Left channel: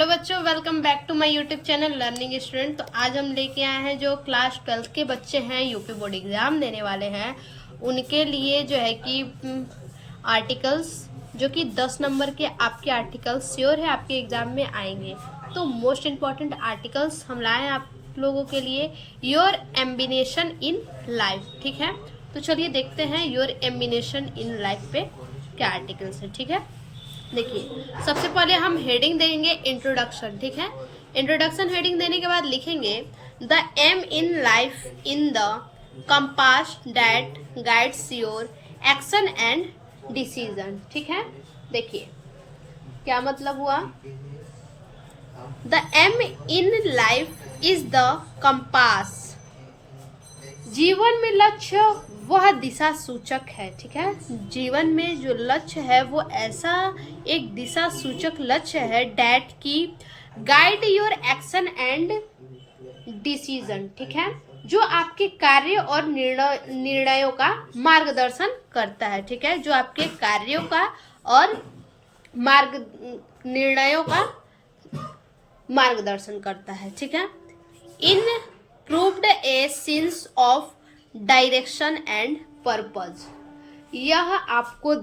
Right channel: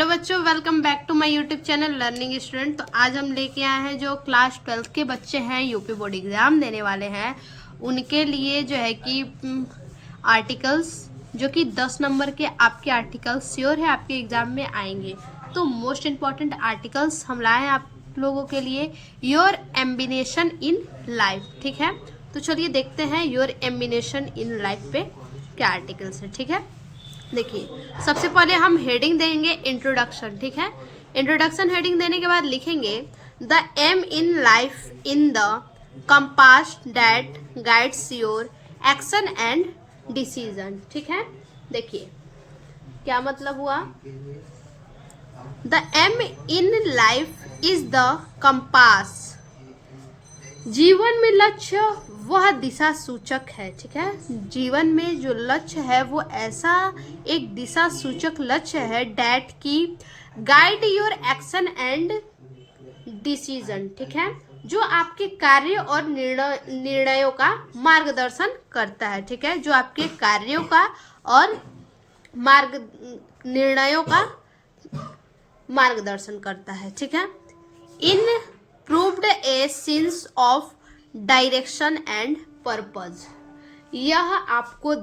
Hello बच्चों, welcome back to my YouTube channel learning student. तो आज हम लेके आए हैं जो क्लास 12 के बच्चे हैं, यूपी बोर्ड एग्जाम देने वाले हैं, उनके लिए जो है कि आर्टिकल्स जो कि 10 नंबर के आपके आर्टिकल्स श्योर है आपके एग्जाम में आएंगे। तो मोस्ट इम्पॉर्टेंट आर्टिकल्स हम लाए हैं आप लोगों के लिए, योर एम्बिनेशन इन लाइफ। ठीक है, तो चलिए देखते हैं योर एम्बिनेशन इन लाइफ पे क्या आर्टिकल्स है। ठीक है, देखिए सबसे पहले हम हेडिंग देंगे इंट्रोडक्शन। ठीक है, इंट्रोडक्शन हेडिंग देने के बाद लिखेंगे the aim in life in the compass that guides your action and decision. ठीक है, देखिए क्या मतलब हुआ। The aim in life is the compass, जीवन में लक्ष्य वह दिशा सूचक है। ठीक है, जीवन में जो लक्ष्य है वो ऐसा एक दिशा सूचक लक्ष्य है डैट की guide your action and decision. ठीक है, जो आपके कार्य और निर्णयों का मार्गदर्शन करता है। ठीक है, जो आपके कार्यों का और निर्णयों का मार्गदर्शन करता है। ठीक है, in proved a sense of direction and purpose, यह आपको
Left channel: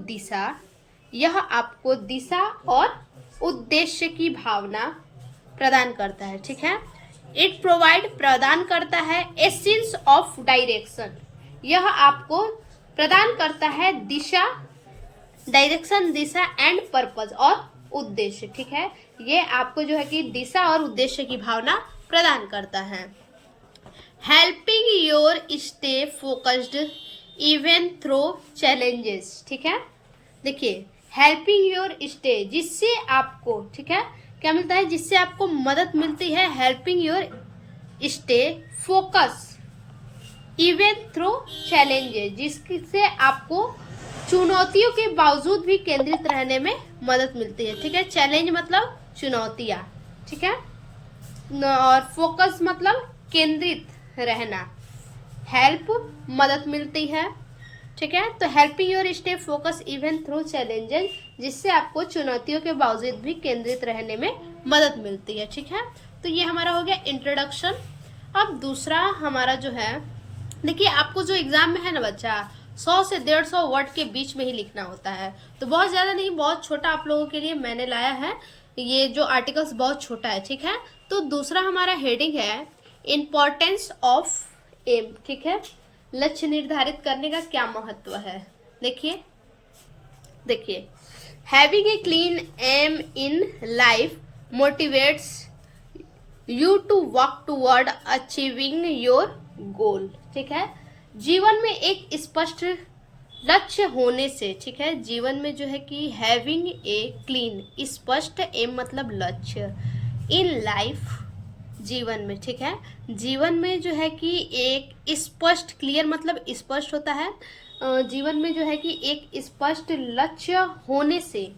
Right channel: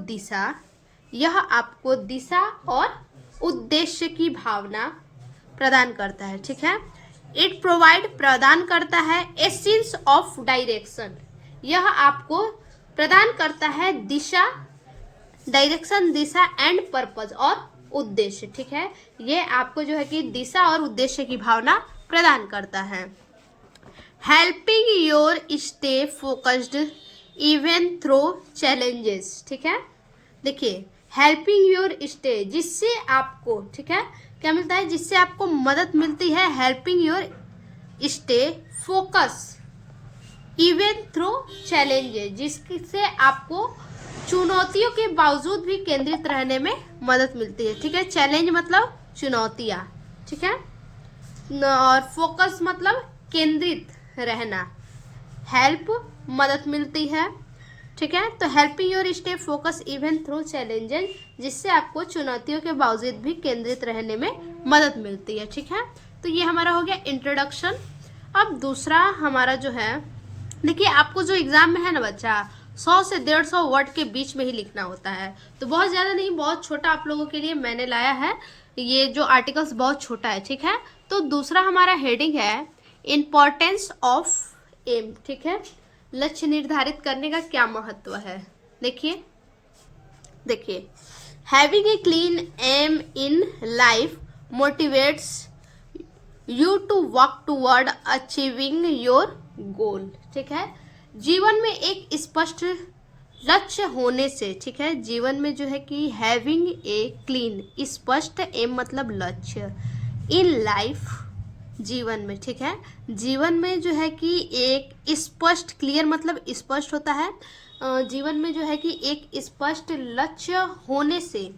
दिशा और उद्देश्य की भावना प्रदान करता है। ठीक है, इट प्रोवाइड प्रदान करता है ए सेंस ऑफ डायरेक्शन, यह आपको प्रदान करता है दिशा, डायरेक्शन दिशा एंड पर्पज और उद्देश्य। ठीक है, ये आपको जो है कि दिशा और उद्देश्य की भावना प्रदान करता है। Helping your stay focused even through challenges. ठीक है, देखिए हेल्पिंग योर स्टे, जिससे आपको, ठीक है, क्या मिलता है, जिससे आपको मदद मिलती है। Helping your stay focus even through challenges, जिससे आपको चुनौतियों के बावजूद भी केंद्रित रहने में मदद मिलती है। ठीक है, चैलेंज मतलब चुनौतियां। ठीक है, और फोकस मतलब केंद्रित रहना, हेल्प मदद मिलती है। ठीक है, तो helping your stay focus even through challenges, जिससे आपको चुनौतियों के बावजूद भी केंद्रित रहने में मदद मिलती है। ठीक है, तो ये हमारा हो गया इंट्रोडक्शन। अब दूसरा हमारा जो है, देखिए आपको जो एग्जाम में है ना बच्चा, 100 से 150 वर्ड के बीच में ही लिखना होता है। तो बहुत ज्यादा नहीं, बहुत छोटा आप लोगों के लिए मैंने लाया है, ये जो आर्टिकल्स बहुत छोटा है। ठीक है, तो दूसरा हमारा हेडिंग है इम्पोर्टेंस ऑफ एम। ठीक है, लक्ष्य निर्धारित करने का क्या महत्व है। देखिए having a clean aim in life motivates you to work toward achieving your goal. ठीक है, जीवन में एक स्पष्ट लक्ष्य होने से, ठीक है, जीवन में जो है कि हैविंग ए क्लीन, स्पष्ट एम मतलब लक्ष्य, इन लाइफ जीवन में, ठीक है, जीवन में जो है कि एक स्पष्ट, क्लियर मतलब स्पष्ट होता है, जीवन में जो है कि एक स्पष्ट लक्ष्य होने से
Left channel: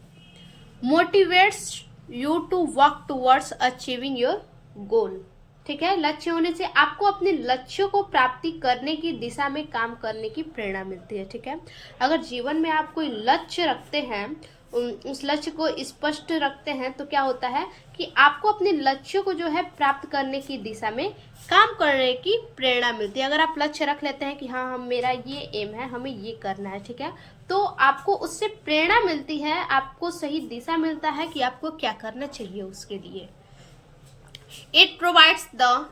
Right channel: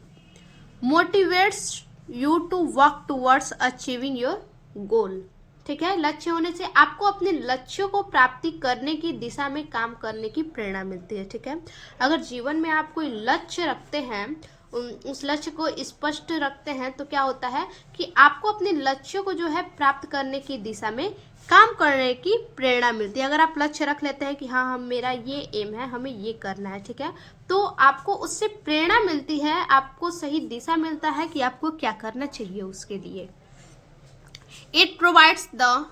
motivates you to work towards achieving your goal. ठीक है, लक्ष्य होने से आपको अपने लक्ष्यों को प्राप्ति करने की दिशा में काम करने की प्रेरणा मिलती है। ठीक है, अगर जीवन में आप कोई लक्ष्य रखते हैं, उस लक्ष्य को स्पष्ट रखते हैं, तो क्या होता है कि आपको अपने लक्ष्य को जो है प्राप्त करने की दिशा में काम करने की प्रेरणा मिलती है। अगर आप लक्ष्य रख लेते हैं कि हाँ हम, मेरा ये एम है, हमें ये करना है, ठीक है, तो आपको उससे प्रेरणा मिलती है, आपको सही दिशा मिलता है कि आपको क्या करना चाहिए उसके लिए। It provides the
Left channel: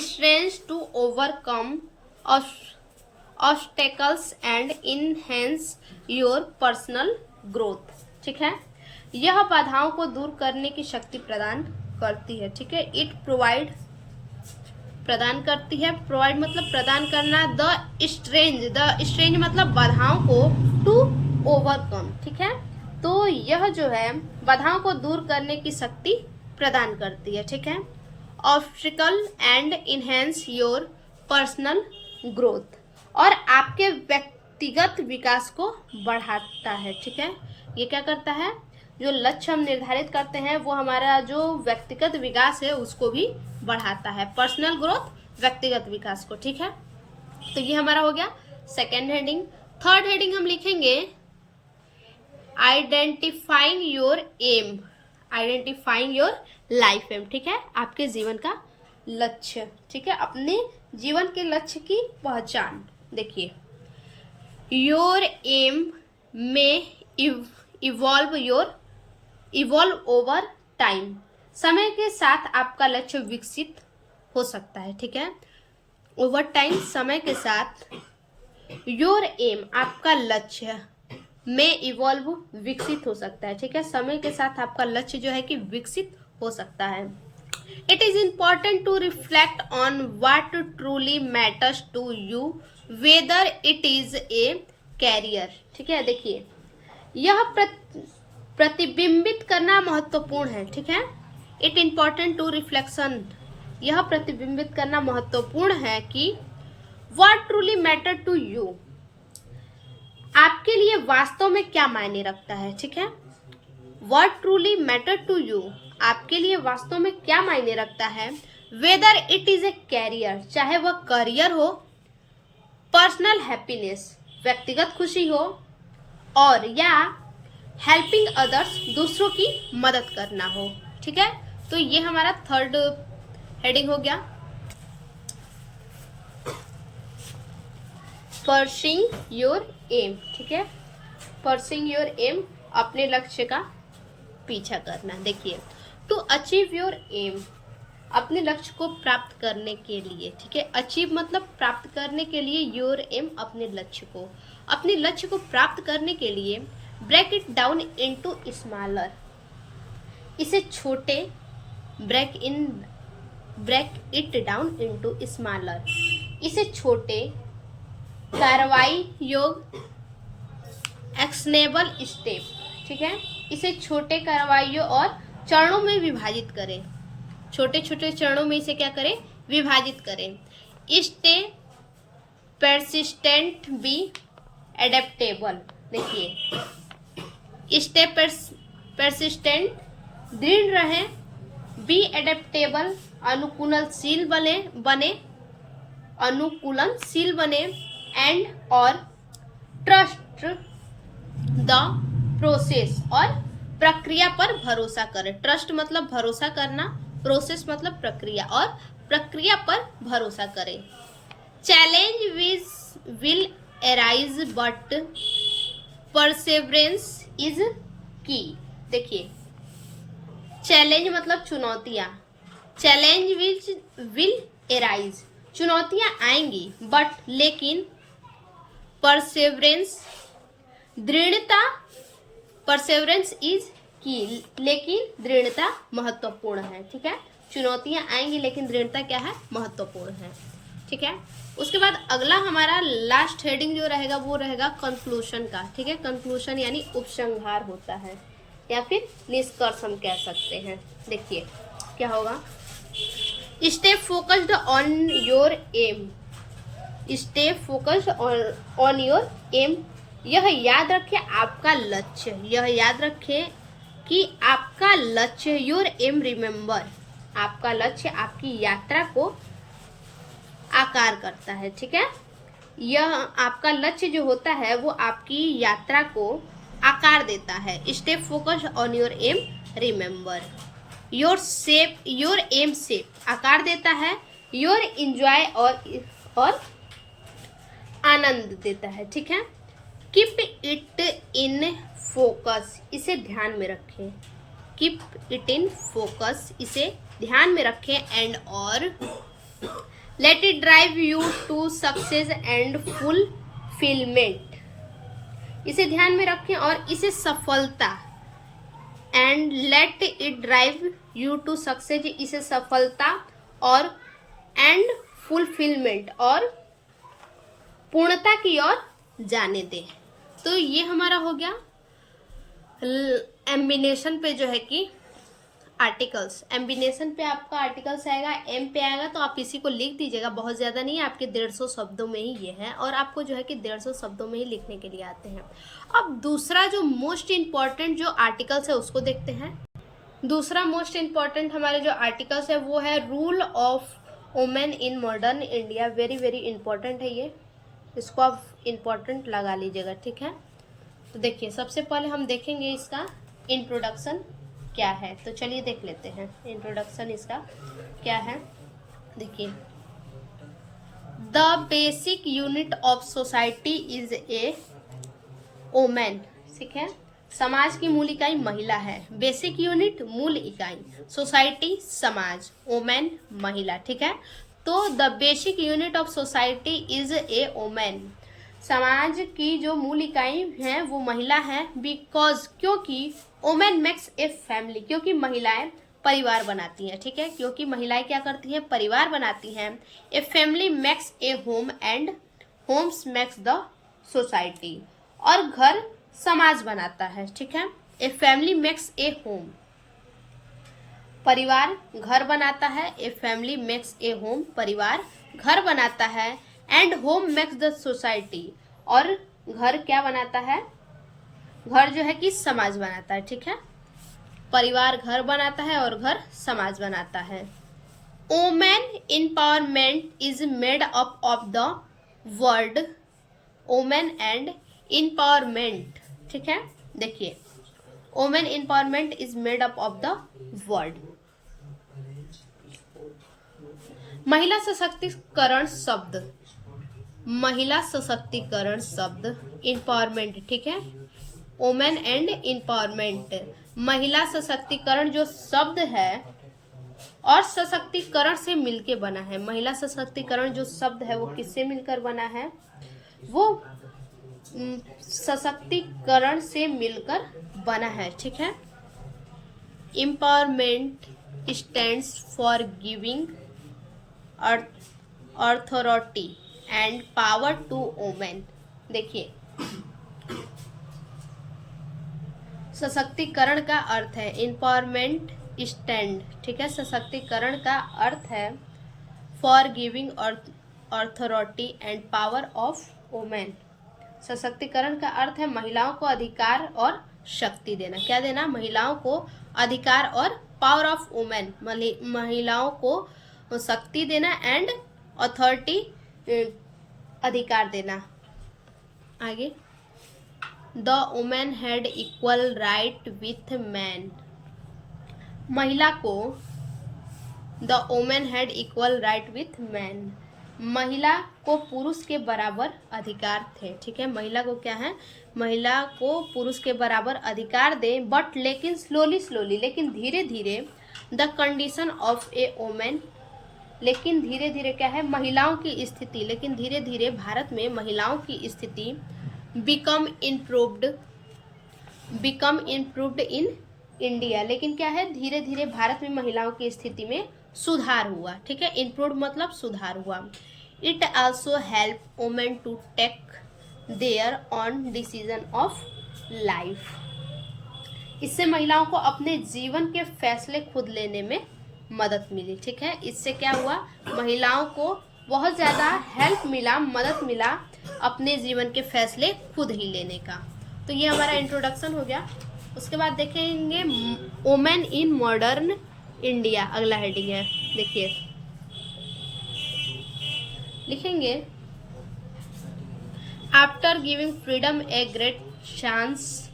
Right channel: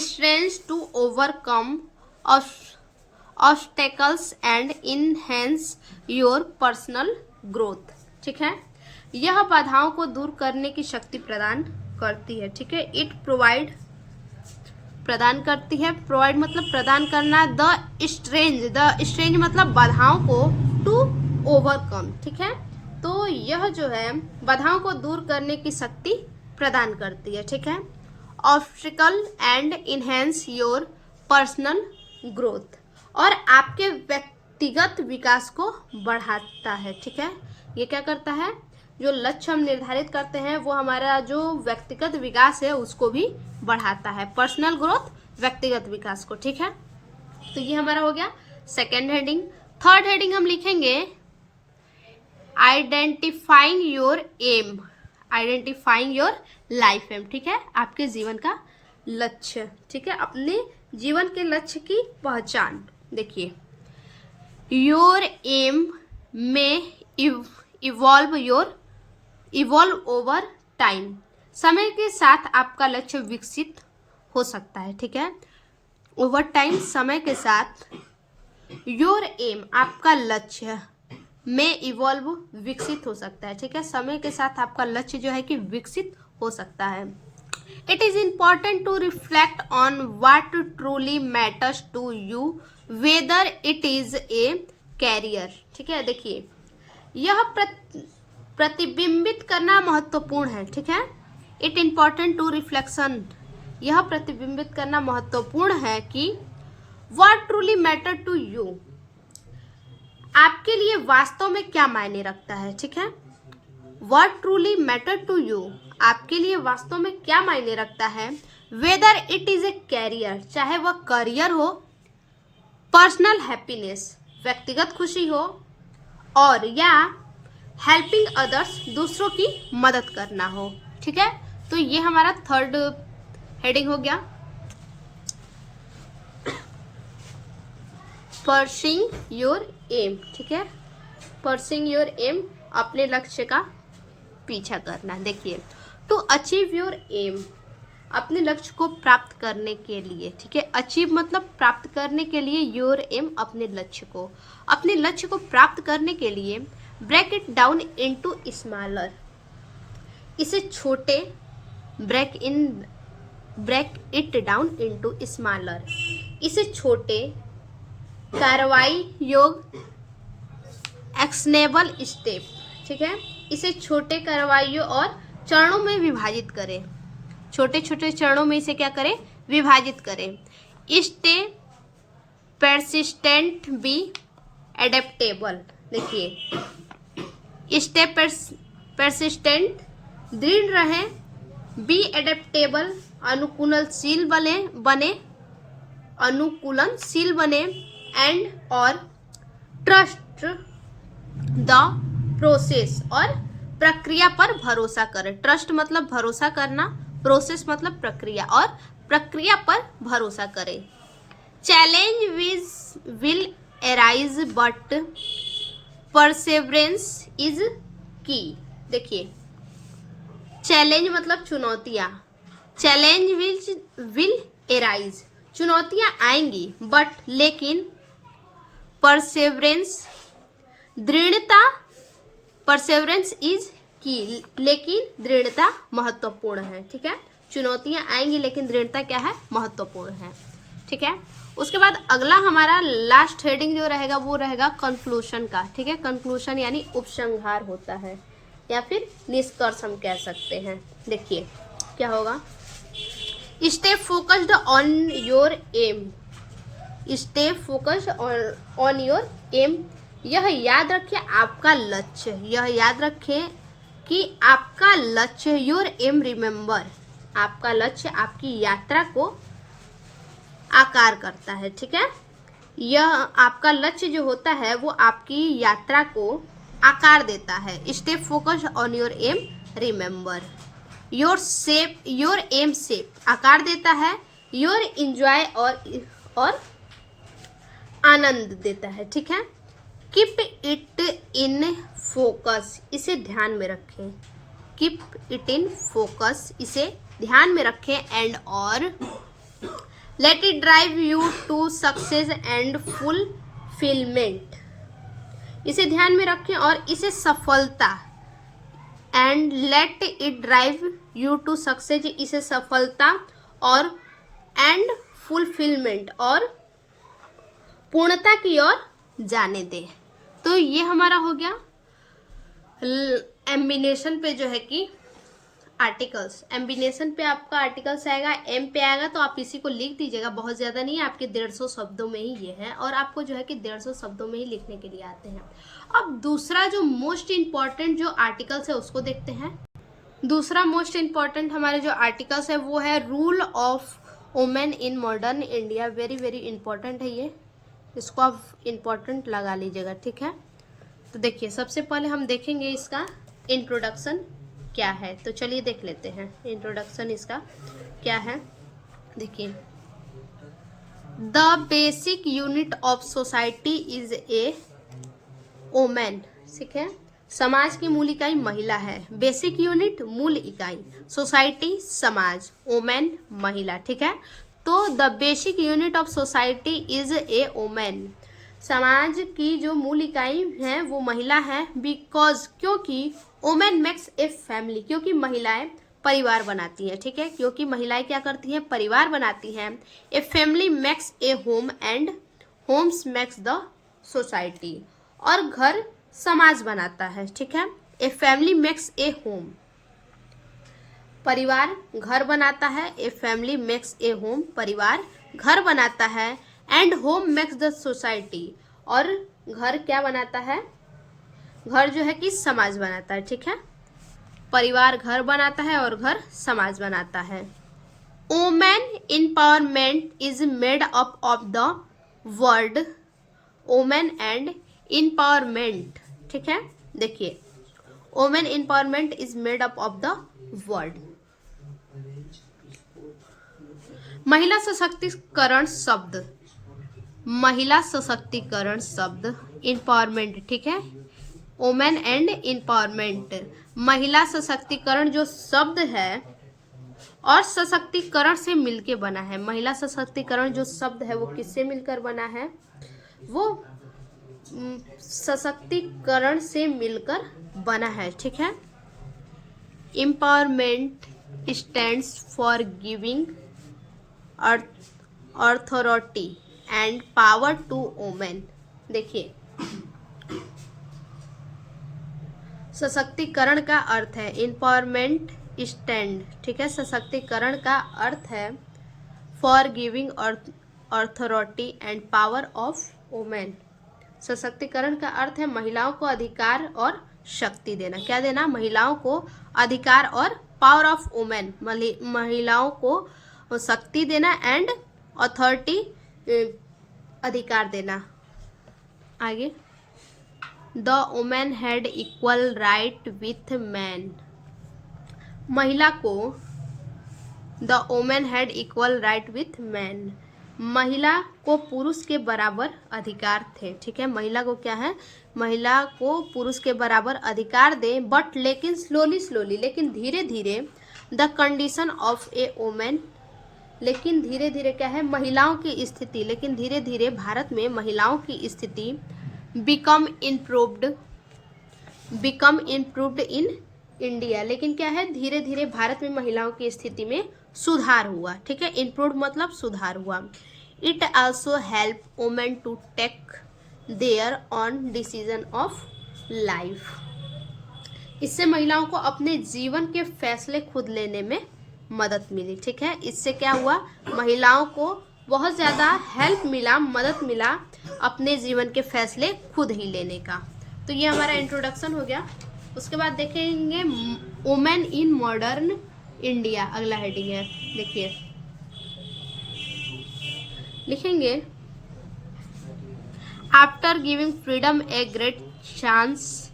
strength to overcome obstacles and enhance your personal growth. ठीक है, यह बाधाओं को दूर करने की शक्ति प्रदान करती है। ठीक है, इट प्रोवाइड प्रदान करती है, प्रोवाइड मतलब प्रदान करना, द स्ट्रेंज मतलब बाधाओं को, टू ओवरकम। ठीक है, तो यह जो है बाधाओं को दूर करने की शक्ति प्रदान करती है। ठीक है, obstacle and enhance your personal growth, और आपके व्यक्तिगत विकास को बढ़ाता है। ठीक है, ये क्या करता है, जो लक्ष्य हम निर्धारित करते हैं वो हमारा जो व्यक्तिगत विकास है उसको भी बढ़ाता है, पर्सनल ग्रोथ, व्यक्तिगत विकास को। ठीक है, तो ये हमारा हो गया सेकेंड हेडिंग। थर्ड हेडिंग हम लिखेंगे identifying your aim. Identifying your life aim, ठीक है, आपके जीवन का लक्ष्य, ठीक है, अपने जीवन के लक्ष्य की पहचान। देखिए, योर एम में इवॉल्व ओवर टाइम, समय के साथ आपका लक्ष्य विकसित हो सकता है, ठीक है, ओवर टाइम, समय के साथ। योर एम, आपका लक्ष्य में इवॉल्व, विकसित हो सकता है, ठीक है, समय के साथ आपका लक्ष्य जो है कि विकसित हो सकता है। It is important to reflect on what truly matters to you whether it is a career, ठीक है। देखिए, यह प्रतिबिंबित करना महत्वपूर्ण है, ठीक है। इट इम्पॉर्टेंट टू रिफ्लेक्शन, यह प्रतिबिंबित करना महत्वपूर्ण है कि what truly matter to you, आपके लिए वास्तव में क्या मायने रखता है, ठीक है। What truly matter to you, आपके लिए वास्तव में क्या मायने रखता है। Whether it is a career, चाहे वह करियर हो, पर्सनल हैप्पीनेस, व्यक्तिगत खुशी हो, और या हेल्पिंग अदर्स, दूसरों की मदद करना हो, ठीक है। तो ये हमारा थर्ड हेडिंग हो गया, परसिंग योर एम, ठीक है, परसिंग योर एम, अपने लक्ष्य का पीछा करना। देखिए, टू अचीव योर एम, अपने लक्ष्य को प्राप्त करने के लिए, ठीक है, अचीव मतलब प्राप्त करने के लिए, योर एम, अपने लक्ष्य को प्राप्त करने के लिए, break it down into smaller, इसे छोटे, break it down into smaller, इसे छोटे, कार्रवाई योग, एक्शनेबल स्टेप, ठीक है, इसे छोटे कार्रवाइयों और चरणों में विभाजित करें, छोटे छोटे चरणों में इसे क्या करें, विभाजित करें। स्टे परसिस्टेंट, बी एडेप्टेबल, देखिए, स्टे परसिस्टेंट, दृढ़ रहें, बी एडेप्टेबल, अनुकूलनशील बने, एंड और ट्रस्ट द प्रोसेस, और प्रक्रिया पर भरोसा करें। ट्रस्ट मतलब भरोसा करना, प्रोसेस मतलब प्रक्रिया, और प्रक्रिया पर भरोसा करें। Challenge will arise but Perseverance is की, देखिए, चैलेंज मतलब चुनौतियां, चैलेंज विल अराइज, चुनौतियां आएंगी, बट लेकिन, परसेवरेंस, दृढ़ता, परसेवरेंस इज की, लेकिन दृढ़ता महत्वपूर्ण है, ठीक है, चुनौतियां आएंगी लेकिन दृढ़ता क्या है, महत्वपूर्ण है, ठीक है। उसके बाद अगला हमारा लास्ट हेडिंग जो रहेगा वो रहेगा कंक्लूशन का, ठीक है, कंक्लूशन यानी उपसंहार होता है, या फिर निष्कर्ष हम कह सकते हैं। देखिए क्या होगा, stay focused on your aim, stay focused on your aim, यह याद रखें आपका लक्ष्य, यह याद रखें कि आपका लक्ष्य, योर एम रिमेंबर, आपका लक्ष्य आपकी यात्रा को आकार करता है, ठीक है, यह आपका लक्ष्य जो होता है वो आपकी यात्रा को आकार देता है। Stay focused on your aim remember, your aim shape, आकार देता है, योर एंजॉय, और आनंद देता है, ठीक है। कीप इट इन फोकस, इसे ध्यान में रखें, कीप इट इन फोकस, इसे ध्यान में रखें, एंड और let it drive you to success and fulfilment, इसे ध्यान में रखें और इसे सफलता, and let it drive you to success, इसे सफलता, और एंड फुलफिलमेंट, और पूर्णता की ओर जाने दे। तो ये हमारा हो गया एम्बिनेशन पे जो है कि आर्टिकल्स, एम्बिनेशन पे आपका आर्टिकल्स आएगा, एम पे आएगा, तो आप इसी को लिख दीजिएगा, बहुत ज़्यादा नहीं है, आपके 150 शब्दों में ही ये है, और आपको जो है कि 150 शब्दों में ही लिखने के लिए आते हैं। अब दूसरा जो मोस्ट इम्पॉर्टेंट जो आर्टिकल्स है उसको देखते हैं। दूसरा मोस्ट इम्पॉर्टेंट हमारे जो आर्टिकल्स है वो है rule of women in modern India, very very important है ये, इसको आप इम्पॉर्टेंट लगा लीजिएगा, ठीक है। तो देखिए सबसे पहले हम देखेंगे इसका इंट्रोडक्शन, क्या है। तो चलिए देख लेते हैं इंट्रोडक्शन इसका क्या है। देखिए, the basic unit of society is a women. ठीक है, समाज की मूल इकाई महिला है। बेसिक यूनिट मूल इकाई, सोसाइटी समाज, वोमेन महिला। ठीक है, तो the basic unit of society is a women. समाज की जो मूल इकाई है वो महिला है। बिकॉज, क्योंकि वोमेन मेक्स ए फैमिली, क्योंकि महिलाएं परिवार बनाती हैं। ठीक है, क्योंकि महिलाएं क्या करती हैं, परिवार बनाती हैं। A family makes a home and homes makes the society, और घर समाज बनाता है। ठीक है, a family makes a home, परिवार घर बनाता है। A family makes a home, परिवार घर बनाता है। And home makes the society, और घर क्या बनाता है, घर जो है कि समाज बनाता है। ठीक है, परिवार घर बनाता है और घर समाज बनाता है। Women empowerment is made up of the word women and empowerment. ठीक है, देखिए, women empowerment is made up of the word. महिला सशक्तिकरण शब्द, महिला सशक्तिकरण शब्द, एम्पावरमेंट। ठीक है, वुमेन एंड एम्पावरमेंट, महिला सशक्तिकरण जो शब्द है और सशक्तिकरण से मिलके बना है। महिला सशक्तिकरण जो शब्द है वो किससे मिलकर बना है, वो सशक्तिकरण से मिलकर बना है। ठीक है, empowerment stands for giving authority and power to women. देखिए, सशक्तिकरण का अर्थ है एम्पावरमेंट स्टैंड। ठीक है, सशक्तिकरण का अर्थ है for giving authority and power of women. सशक्तिकरण का अर्थ है महिलाओं को अधिकार और शक्ति देना। क्या देना, महिलाओं को अधिकार और पावर ऑफ वुमेन, महिलाओं को शक्ति देना एंड अथॉरिटी अधिकार देना। आगे, the women had equal right with man, महिला को, the women had equal right with man, महिला को पुरुष के बराबर अधिकार थे। ठीक है, महिला को क्या है, महिला को पुरुष के बराबर अधिकार दे। बट लेकिन स्लोली, लेकिन धीरे धीरे, the condition of A women, लेकिन धीरे धीरे क्या है, महिलाओं की स्थिति, लेकिन धीरे धीरे भारत में महिलाओं की स्थिति बिकम इम्प्रूव्ड इन इंडिया, लेकिन क्या है, धीरे धीरे भारत में महिलाओं की स्थिति में सुधार हुआ। ठीक है, इम्प्रूव्ड मतलब सुधार हुआ। It also help women to take their own decision of life, इससे महिलाओं को अपने जीवन के फैसले खुद लेने में मदद मिली। ठीक है, इससे क्या हुआ, महिलाओं को बहुत ज़्यादा हेल्प मिला, मदद मिला अपने जीवन के फैसले खुद ही लेने का। तो ये हमारा इंट्रोडक्शन हो गया। उसके बाद देखेंगे वुमेन इन मॉडर्न इंडिया, अगला हेडिंग है। देखिए, लिखेंगे, after giving freedom a great chance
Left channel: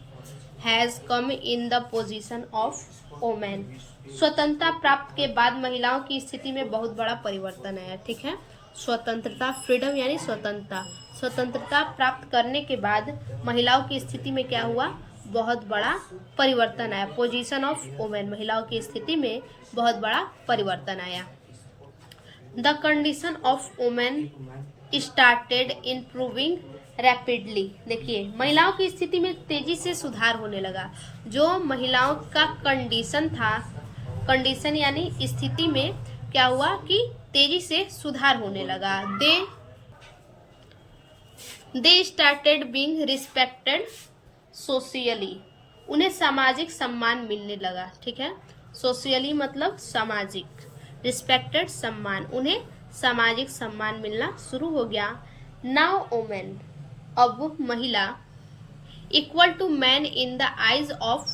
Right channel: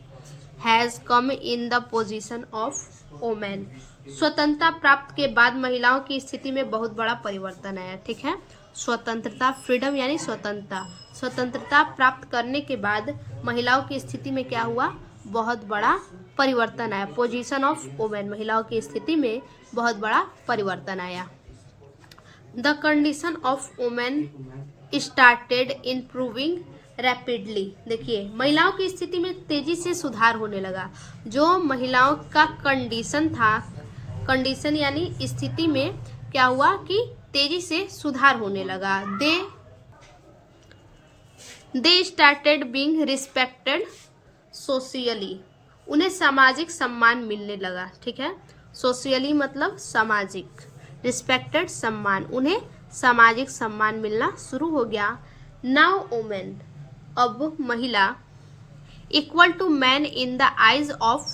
has come in the position of women. स्वतंत्रता प्राप्त के बाद महिलाओं की स्थिति में बहुत बड़ा परिवर्तन आया। ठीक है, स्वतंत्रता, फ्रीडम यानी स्वतंत्रता प्राप्त करने के बाद महिलाओं की स्थिति में क्या हुआ, बहुत बड़ा परिवर्तन आया। पोजीशन ऑफ वुमेन, महिलाओं की स्थिति में बहुत बड़ा परिवर्तन आया। The condition of women started improving rapidly. देखिए, महिलाओं की स्थिति में तेजी से सुधार होने लगा। जो महिलाओं का कंडीशन था, कंडीशन यानी स्थिति में क्या हुआ कि तेजी से सुधार होने लगा। They started being respected socially, उन्हें सामाजिक सम्मान मिलने लगा। ठीक है, सोशियली मतलब सामाजिक, रिस्पेक्टेड सम्मान, उन्हें सामाजिक सम्मान मिलना शुरू हो गया। नाउ वुमेन, अब महिला, equal to man in the eyes of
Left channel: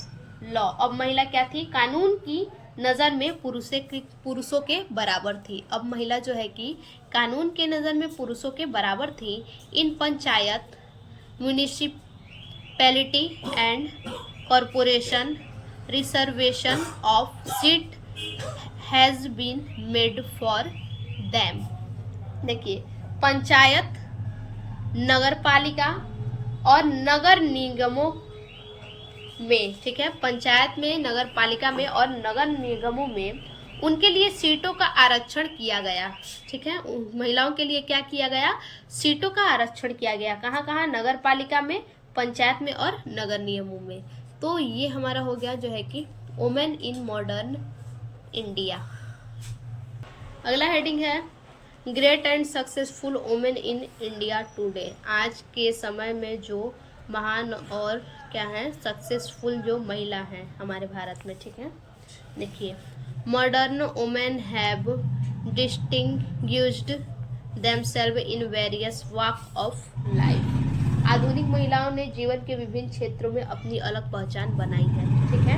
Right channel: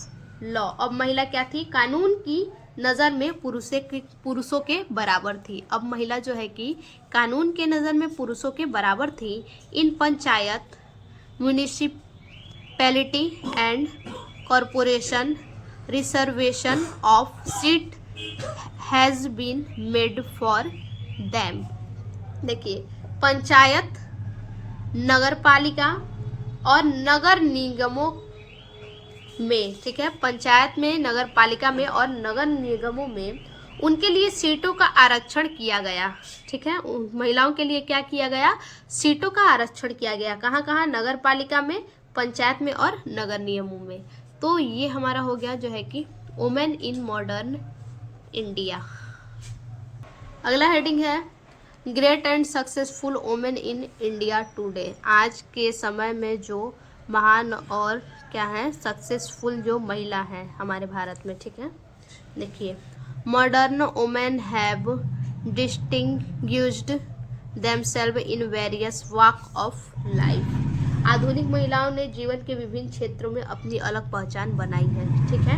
law, अब महिला क्या थी, कानून की नज़र में पुरुषों के बराबर थी। अब महिला जो है कि कानून के नज़र में पुरुषों के बराबर थी। In panchayat, municipality and corporation reservation of seat has been made for them. देखिए, पंचायत, नगर पालिका और नगर निगमों में, ठीक है, पंचायत में, नगर पालिका में और नगर निगमों में उनके लिए सीटों का आरक्षण किया गया। ठीक है, महिलाओं के लिए क्या किया गया? सीटों का आरक्षण किया गया। कहाँ कहाँ? नगर पालिका में, पंचायत में और नगर निगमों में। तो ये हमारा हो गया जो है कि वुमेन इन मॉडर्न इंडिया। अगला हेडिंग है great and successful women in India today. आज के समय में जो महान और क्या है, सक्सेसफुल जो महिला है हमारे भारत में। ठीक है, देखिए, modern women have distinguished themselves in various walk of life. आधुनिक महिलाओं ने जीवन के विभिन्न क्षेत्रों में अपनी अलग पहचान बनाई है। ठीक है,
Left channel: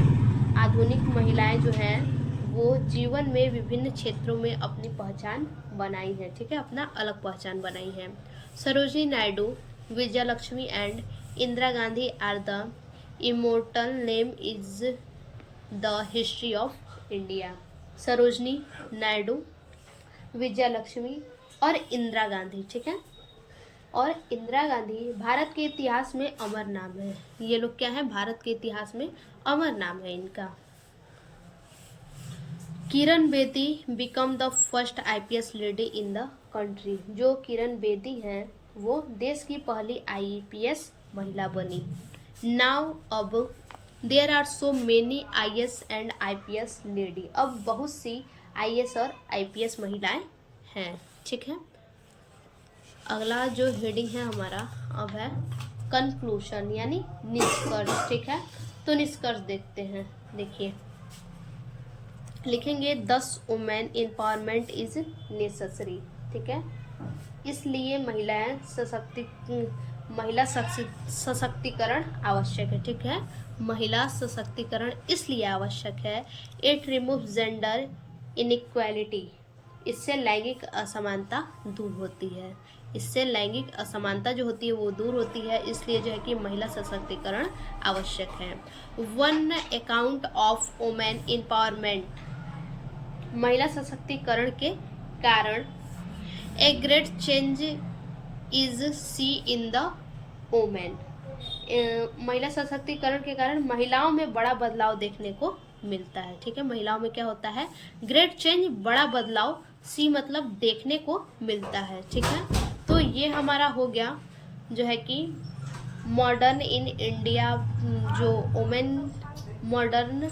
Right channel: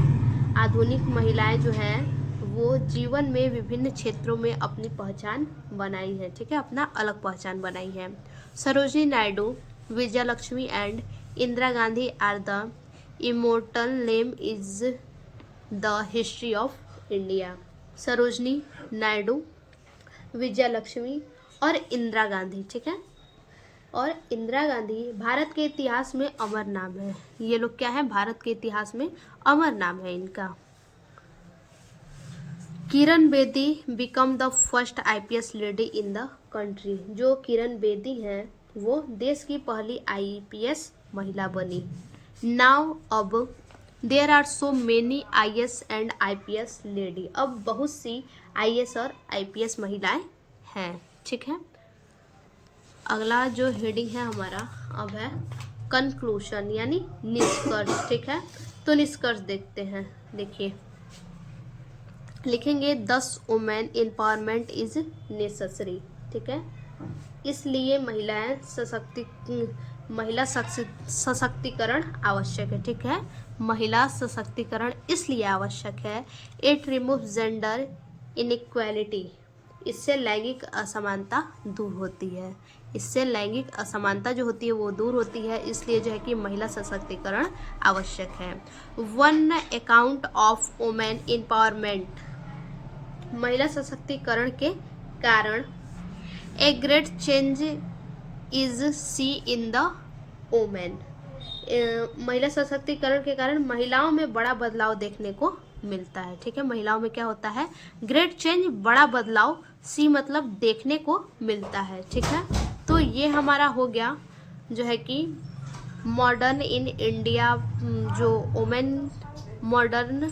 आधुनिक महिलाएं जो हैं वो जीवन में विभिन्न क्षेत्रों में अपनी पहचान बनाई है। ठीक है, अपना अलग पहचान बनाई है। Sarojini Naidu, Vijayalakshmi and Indira Gandhi are the immortal name is the history of India. Sarojini Naidu, Vijayalakshmi और इंदिरा गांधी, ठीक है, और इंदिरा गांधी भारत के इतिहास में अमर नाम है। ये लोग क्या है? भारत के इतिहास में अमर नाम है इनका। Kiran Bedi became the first IPS lady in the country. जो किरण बेदी हैं वो देश की पहली आईपीएस महिला बनी। नाउ अब there are so many IAS and IPS lady. अब बहुत सी आईएएस और आईपीएस महिलाएं हैं। ठीक है, अगला जो हेडिंग है हमारा अब है कंक्लूशन यानी निष्कर्ष। ठीक है, तो निष्कर्ष देखते हैं। देखिए, लिखेंगे 10 वुमेन एम्पावरमेंट इज नेसेसरी। ठीक है, इसलिए महिला सशक्तिकरण आवश्यक है। ठीक है, महिला सशक्तिकरण इसलिए आवश्यक है। It remove gender inequality. इससे लैंगिक असमानता दूर होती है। इससे लैंगिक असमानता जो होती है वो दूर होती है। इसलिए जो है कि महिला सशक्तिकरण आवश्यक है। One account of women empowerment, महिला सशक्तिकरण के कारण a great change is see in the women. महिला सशक्तिकरण के कारण महिलाओं में बड़ा बदलाव देखने को मिलता है। ठीक है, महिलाओं में क्या होता है? ग्रेट चेंज, बड़ा बदलाव। सी मतलब देखने को मिलता है। ठीक है, तो ये हमारा हो गया जो है कि मॉडर्न इन इंडिया, जो वुमेन मॉडर्न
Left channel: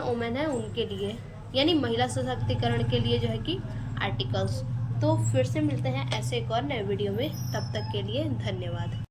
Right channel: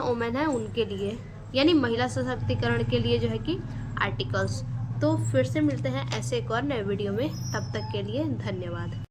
वुमेन है उनके लिए, यानी महिला सशक्तिकरण के लिए जो है कि आर्टिकल्स। तो फिर से मिलते हैं ऐसे एक और नए वीडियो में, तब तक के लिए धन्यवाद।